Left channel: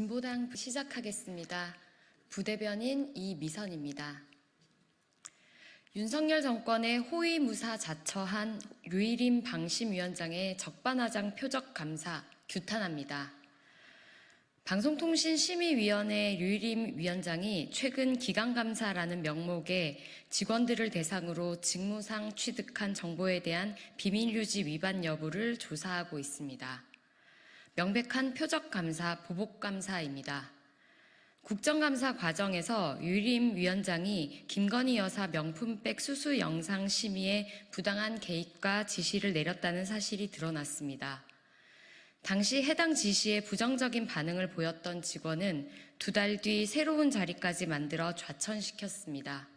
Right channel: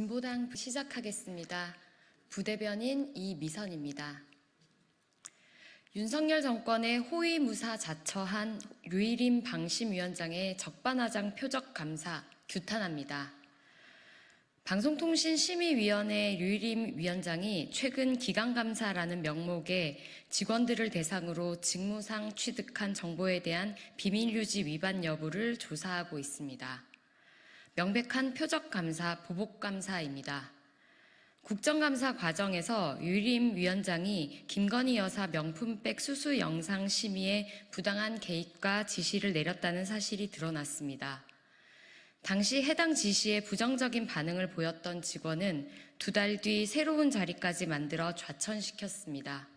진보당 시작하겠습니다. 부대변인 이미선입니다. 윤석열 정권의 호위무사 자처한 류일임 방심위원장의 적반하장 표적 감사 규탄합니다. 방송통신심의위원회 류일임 위원장이 최근 기강감사라는 명목의 직원들을 대상으로 직무상 취득한 정보에 대한 비밀유지 위반 여부를 조사하고 있습니다. 명백한 표적감사, 보복감사입니다. 국정감사 과정에서 류일임 위원장이 김건희 여사 명품백 수수 영상 심의에 부당한 개입과 지시를 내렸다는 사실이 드러났습니다. 당시 해당 지시에 부정적인 반응을 보였던 직원은 2달 뒤 새로운 자리까지 만들어 좌천시켰습니다.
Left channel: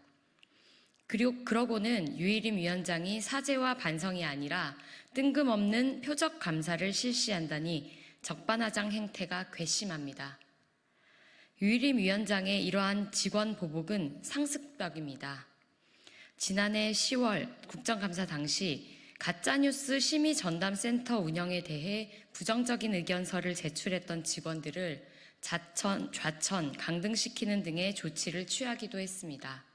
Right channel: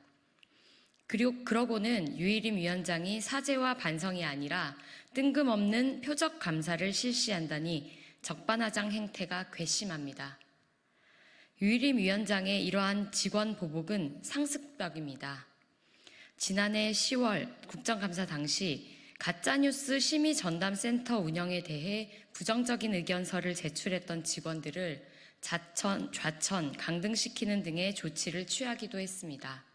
그러고는 류일임 위원장이 사죄와 반성이 아니라 뜬금없는 표적 감사를 실시한다니 적반하장 행태가 괘씸합니다. 류일임 위원장의 이러한 직원 보복은 상습적입니다. 지난해 10월 국정감사 당시 가짜뉴스 심의전담센터 운영에 대해 부정적인 의견서를 제출했던 직원들을 좌천, 강등시키는 등의 조치를 취하기도 했습니다.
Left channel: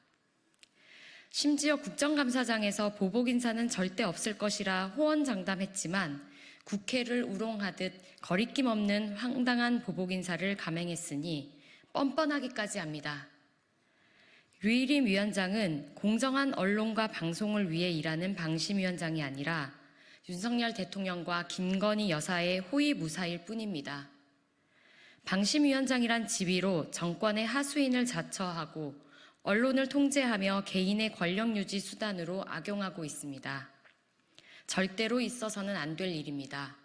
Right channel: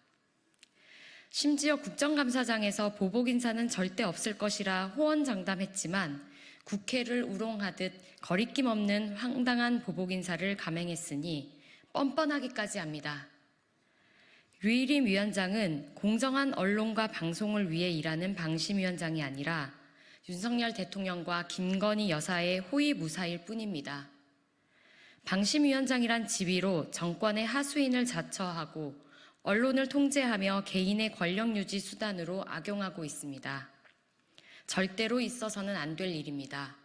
심지어 국정감사장에서 보복 인사는 절대 없을 것이라 호언장담했지만 국회를 우롱하듯 거리낌 없는 황당한 보복 인사를 감행했으니 뻔뻔하기까지 합니다. 류일임 위원장은 공정한 언론과 방송을 위해 일하는 방심위원장이 아니라 윤석열 대통령과 김건희 여사의 호위무사일 뿐입니다. 방심위원장이란 지위로 정권의 하수인을 자처하고 언론을 통제하며 개인의 권력 유지 수단으로 악용하고 있습니다. 절대로 있어서는 안 될 일입니다.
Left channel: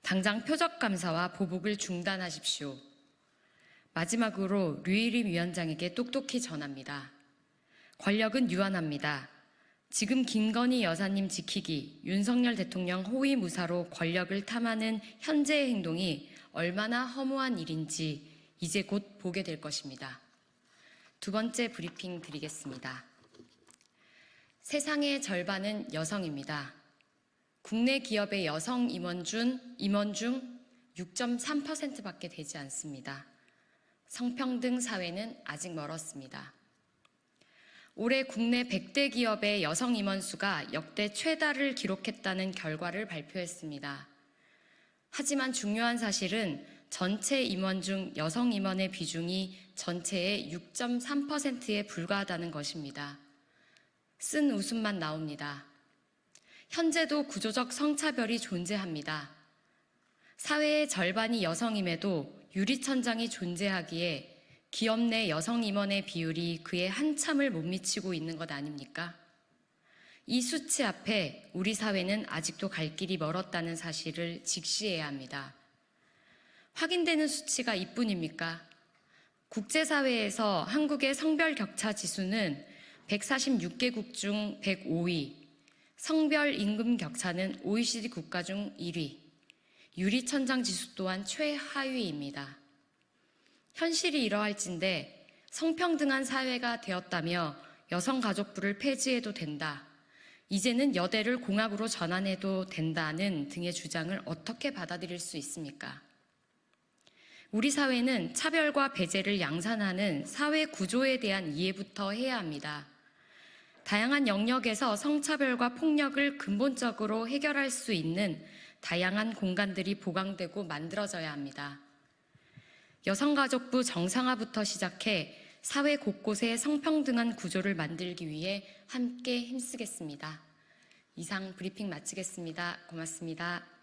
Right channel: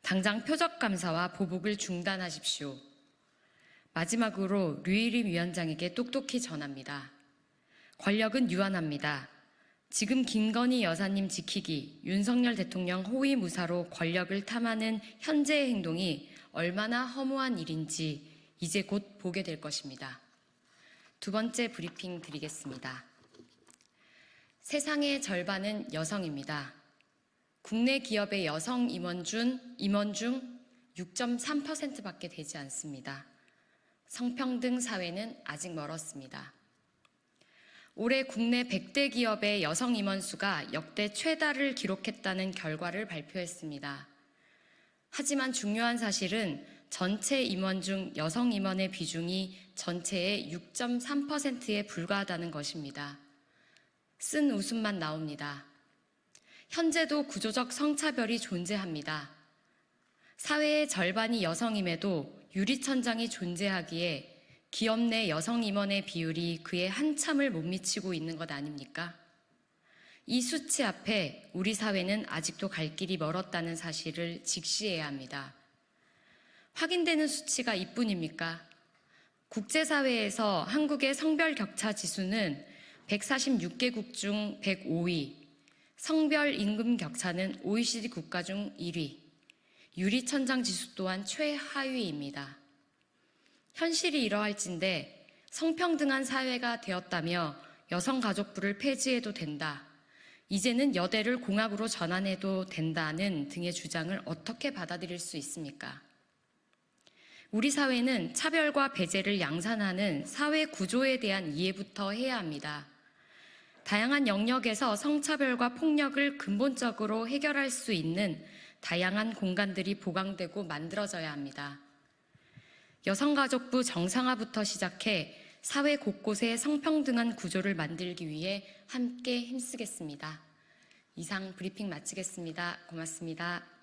당장 표적감사와 보복을 중단하십시오. 마지막으로 류일임 위원장에게 똑똑히 전합니다. 권력은 유한합니다. 지금 김건희 여사님 지키기, 윤석열 대통령 호위무사로 권력을 탐하는 현재의 행동이 얼마나 허무한 일인지 이제 곧 보게 될 것입니다. 두 번째 브리핑 드리겠습니다. 세상의 절반은 여성입니다. 국내 기업의 여성 임원 중 6.3%밖에 되지 않습니다. 성평등 사회는 아직 멀었습니다. 올해 국내 100대 기업의 여성 임원 수가 역대 최다를 기록했다는 결과를 발표했습니다. 하지만 중요한 사실은 전체 임원 중 여성 임원의 비중이 전체의 6.3%에 불과하다는 것입니다. 쓴 웃음만 나옵니다. 현재도 구조적 성차별이 존재합니다. 사회의 절반이 여성임에도 유리천장이 존재하기에 기업 내 여성 임원의 비율이 그에 한참을 못 미치고 있는 것 아닙니까? 이 수치 앞에 우리 사회는 아직도 갈 길이 멀었다는 사실을 직시해야 합니다. 확인되는 수치가 이뿐입니까? 국제사회에서 한국의 성별 격차 지수는 146개국 중 105위, 성별 임금 격차는 OECD 국가 중 1위, 유리천장 지수 또한 최하위입니다. 현실이 이러할진데 성평등한 사회가 되었다며 여성가족부를 폐지해도 된다, 이제는 여대를 공학으로 전환해도 된다는 등의 주장을 어떻게 받아들일 수 있습니까? 우리 사회는 차별과 배제를 양산하는 사회 구조에 대한 이해부터 해야 합니다. 다양한 영역에서 성차별과 폭력을 근본적으로 해결할 수 있는 다양한 공간들이 보강되고 만들어져야 합니다. 여성가족부 정상화부터 시작해 사회 곳곳에 성평등한 구조를 만들기 위해 함께 힘쓰겠습니다. 이상 브리핑 마치겠습니다. 고맙습니다.